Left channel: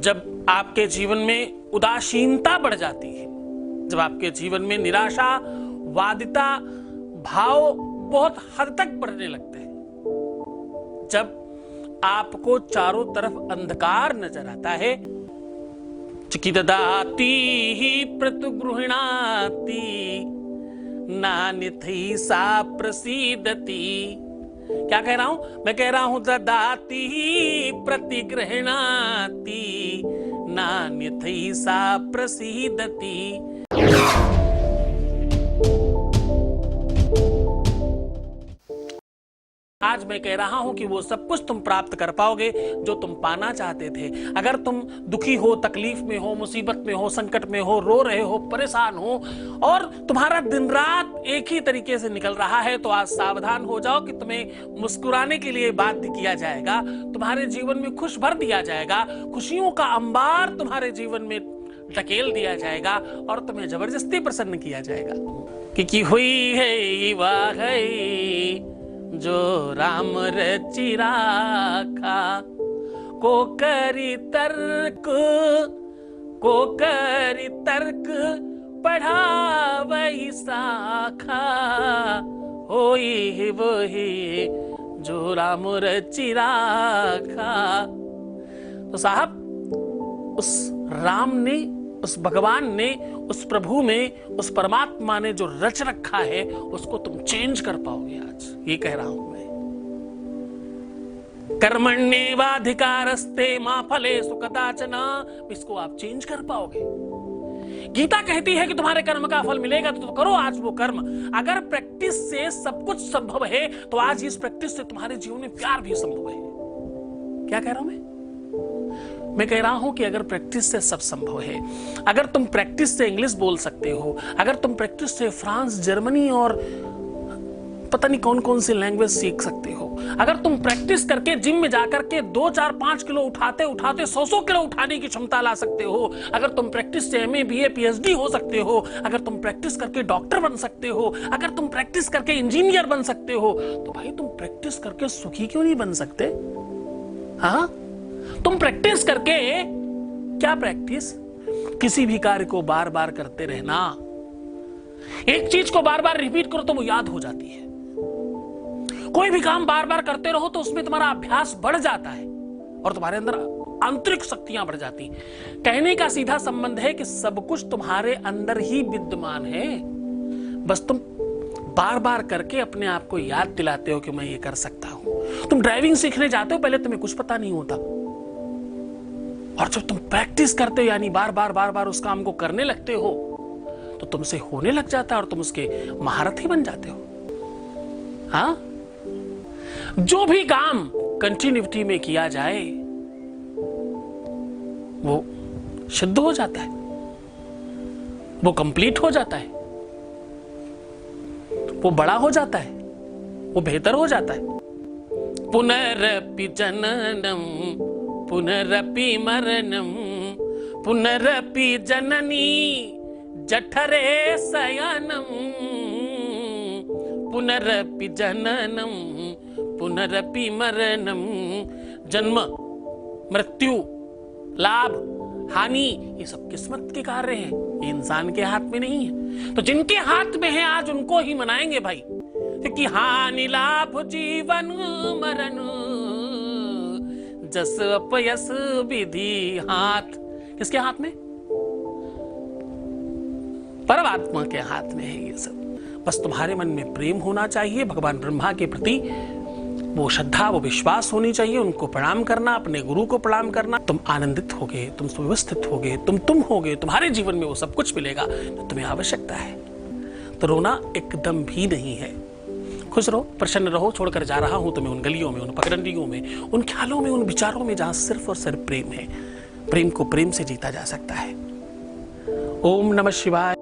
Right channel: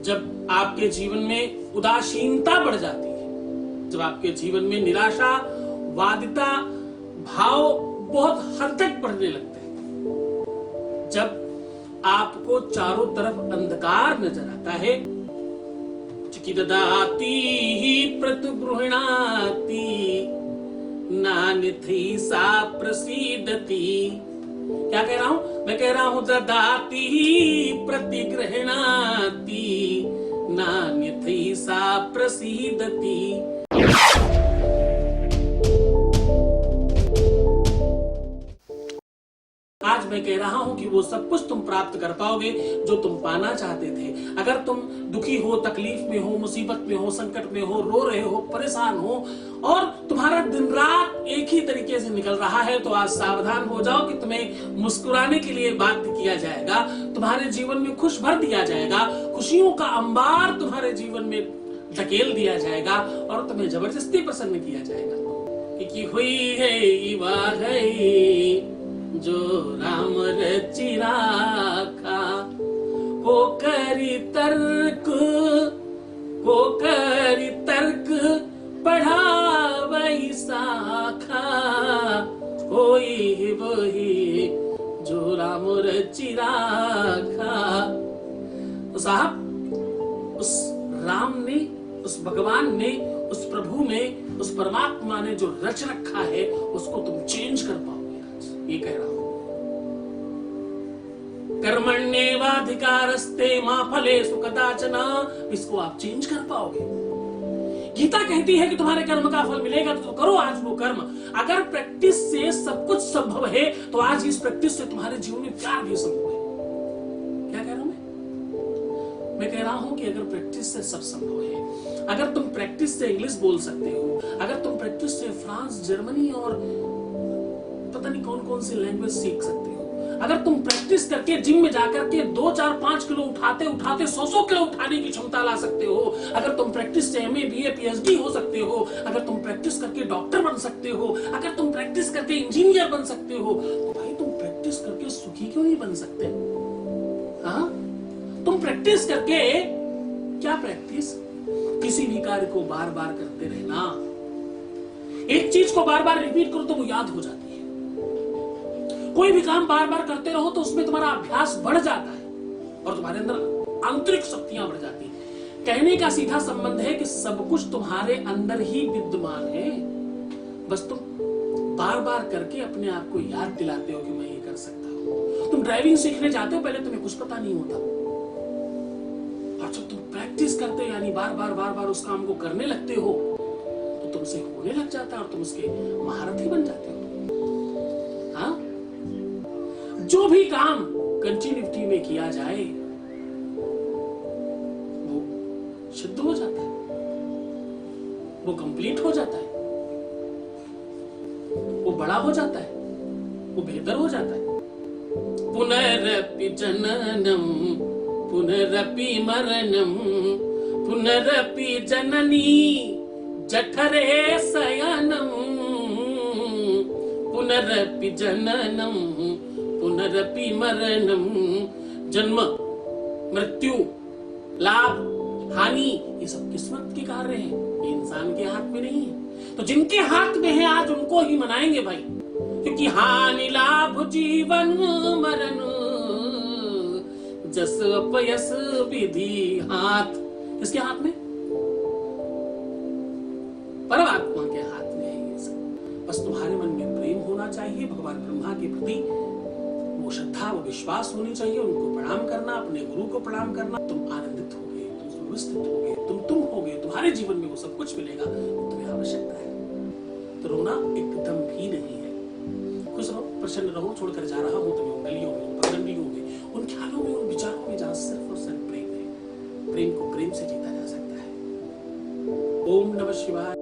जब आपके जीवन में उदासीनता बढ़ जाती है, जब आपके जीवन में निराशा, वादिता भाव बहुत हद तक बढ़ने लगते हैं, जब आपको चारों तरफ अंधकार नजर आता है, चिकिददाति प्रतिगृह्णाति नान्यथि सा प्रसीदति। क्या कह रहा हूं? मैं कह रहा हूं ददाति प्रतिगृह्णाति नान्यथि सा प्रसीदति। आज मैं कह रहा हूं कि वो सब कुछ तुम प्राप्त कर पाओगे जो तुम पाना चाहते थे। अगर तुम दुखी हो, तकलीफ में हो, मुसीबत में हो, संकट में हो, रो रहे हो, परेशान हो और तुम्हारा दिन रात एक ही तरीके से निकल रहा है, तो आज सावधान हो जाओ कि तुम्हें मुस्कुराने के लिए बाध्य किया जाएगा, तुम्हारे जीवन में खुश भर दिया जाएगा, खुशियों का अंबार तुम्हारे जीवन में धकेल दिया जाएगा और तुम्हें जबरदस्ती प्रसन्न किया जाएगा। कि हुई है वाह है जो राम रचि राखा, को करी तर्क पढ़ावई साखा, होई वही जो राम रचि राखा। तो साहब, उस राम ने, उस भगवान ने, उस प्रभु में, उस परमात्मा ने जो रच रखा है उसको तुम चेंज कर पाओगे। ये कह रहा हूं मैं। कर्मण्येवाधिकारस्ते मा फलेषु कदाचन, इसको आप चेंज कर पाओगे। गीता कहती है कि तुम्हारे कर्म का फल मिलेगा, तो करो आज वो कर्म। अगर प्रैक्टिस से सब कुछ संभव है तो आज इस प्रैक्टिस से तुम्हारे जीवन में प्यार भी संभव है। क्या कह रहा हूं मैं कह रहा हूं कि अगर प्रैक्टिस से सब संभव है, अगर तुम प्रैक्टिस से इंग्लिश बोल सकते हो, अगर तुम प्रैक्टिस से फ्रांस, जर्मनी और पता नहीं कौन कौन सी लैंग्वेज सीख सकते हो, अगर तुम प्रैक्टिस करके जिम में जाकर के 2, 4, 5 किलो उठाते उठाते 100 किलो उठाने की क्षमता ला सकते हो, अगर तुम प्रैक्टिस से MA, BA, PhD हो सकते हो, अगर तुम प्रैक्टिस करके डॉक्टर बन सकते हो, अगर तुम प्रैक्टिस करके इंजीनियर बन सकते हो, तो भाई तुम प्रैक्टिस करके सुखी क्यों नहीं बन सकते? हाँ, तुम प्रैक्टिस करके, क्या प्रैक्टिस? किसी भी कार्य को बार बार करते रहना। एक चीज को बार बार रिपीट करो तो वो याद हो जाती है। कोई भी काम बार बार करते रहो तो उसमें तुम्हारा अभ्यास बढ़ जाता है और तुम्हारे अंदर आंतरिक शक्तियां बढ़ जाती हैं। कहने का सीधा संबंध है कि सब कुछ तुम्हारे अंदर ही विद्यमान है, बस तुम बार बार करके अपने आप को याद दिलाते हो कि मैं ये कर सकता हूं। तुम ड्राइविंग सीखने जाते हो, पहले तुम्हें कुछ पता नहीं होता, और जब तुम प्रैक्टिस करते हो, यानी बार बार उस काम को करने लगते हो, तो तुमसे होने लग जाता है और तुम उसके महारथी बन जाते हो। हाँ, जो भी काम कंटिन्यूटी में किया जाए वो शुद्ध हो जाता है, वो कंप्लीट हो जाता है, वो बड़ा हो जाता है, वो बेहतर हो जाता है। पुनरपि जननम पुनरपि मरणम पुनरपि जननी जठरे शयनम, पुनरपि जननम पुनरपि मरणम। जन्म, मृत्यु, लाभ, हानि, ये सब किस्मत के कार्य हैं, ये इंसान के हाथ में नहीं है। तो जिनके हाथ में है आज उनको ही मनाएंगे भाई, क्योंकि हानि लाभ जीवन मरण जस अपयस विधि हाथ। किसके हाथ में? परमात्मा के हाथ में है ये सब। बस तुम्हारे मन में प्रेम होना चाहिए भगवान ब्रह्मा के प्रति, वो श्रद्धा, वो विश्वास होनी चाहिए, उनको प्रणाम करना, अपने गुरु को प्रणाम करना। तुम आनंदित होगे, तुम सुव्यवस्थित होगे, तुम होगे, तुम्हारे जीवन में वो सब कुछ मिलेगा जो तुम्हें आवश्यकता है। तो रोना एकदम भी नहीं है, खुश रहो, प्रसन्न रहो। छोड़कर जा रहा हूं तुम्हें उन गलियों में, उन पगडंडियों में, उन ख्यालों में, उन विचारों में जहां सिर्फ और सिर्फ प्रेम है। प्रेम को प्रेम से जीता जा सकता है। ओम नमः शिवाय।